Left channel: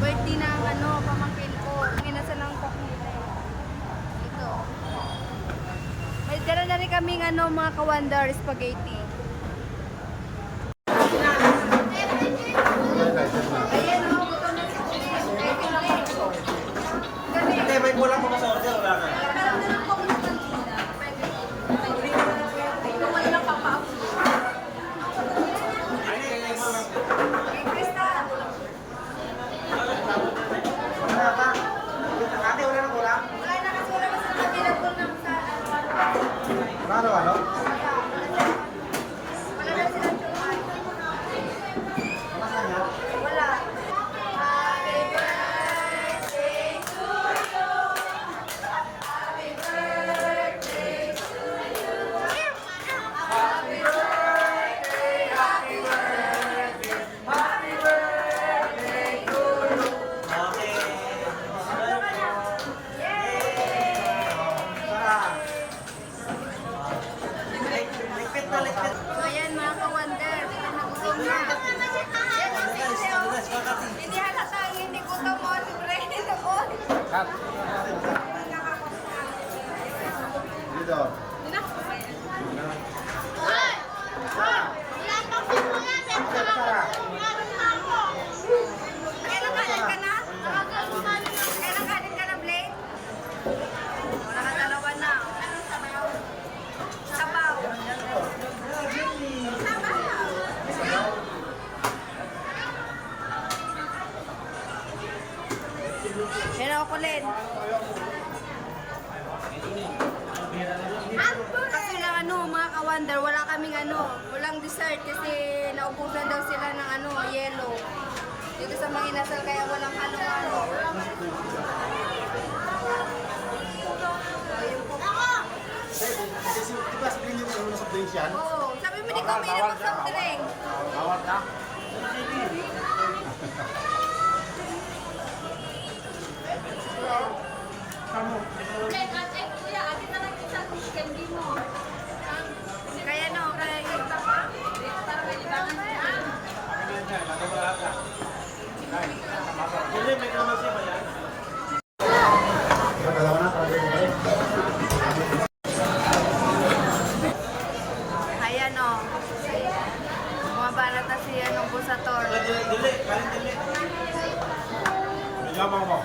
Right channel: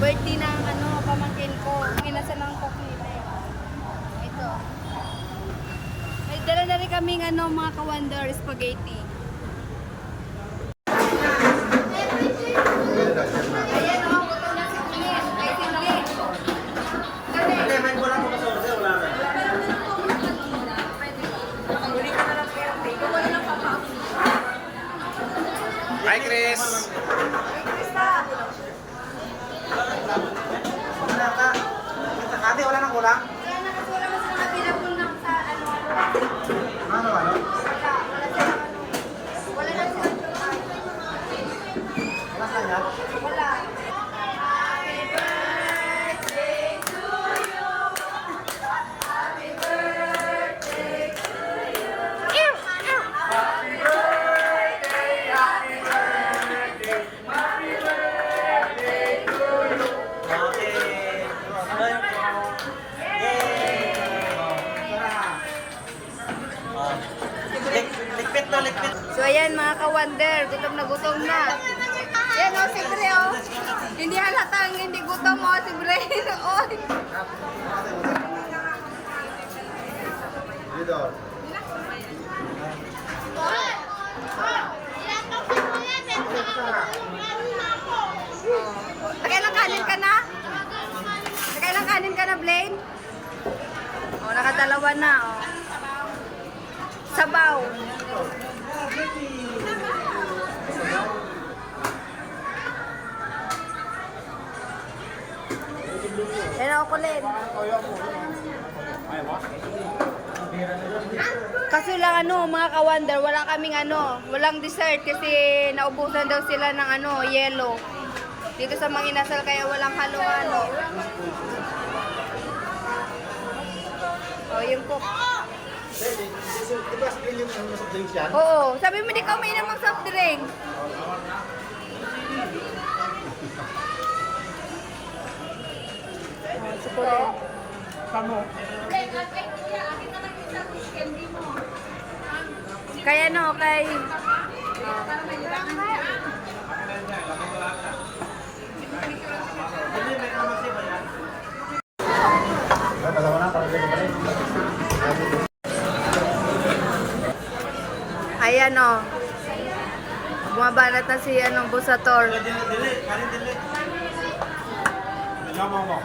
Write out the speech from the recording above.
birthday ng pamangkin ko. Inasal ng cook nila eh. Ito. May dala na rin kaming mga ka-wonder spaghetti. Ayan o, buto na si Chris. May tingin. May mula pa kasorder, wala na. Huli ko na lang po yung tayo. Wala lang papaw. Hi, Chris! Chris pa. Ate, wala nang kulang? Wala na kasi wala mas nakabilabol ng sa Ano? Wala na silang tsukan. Wala sa kanya? Wala. Happy birthday to you. Happy birthday to you. Happy birthday, happy birthday. Happy birthday to you. Okay. Likpit na, likpit. So ayan mga ka-wonder, gutom na gutom na. Yan o, si Bre o. Hindi halata, hindi gutom o, si Bre. O. Dito. Kailang kanin ka na? Kailang kanin ka na, Blaine? O, nakadalawa na o. Sabaw. Yan ako, Len. Kasi lang mga ka-wonder, wala kaming walang dessert kasi naubusan daw sila ng yellow. Dito sa Manginasal kaya walang halo-halo. Oh, yung cook. Diba sabihin yung inom sa drinks yan? Oo, sabi mo di ka uminom ng soft drink. Bawat na. Siguro. Kamo. Kaya kay... Hindi, may kalamansi ba yan? Dalawa na, para dito balik. Ayan bumabanat na si Busator. Dili, kanin dili. May yamaw mo.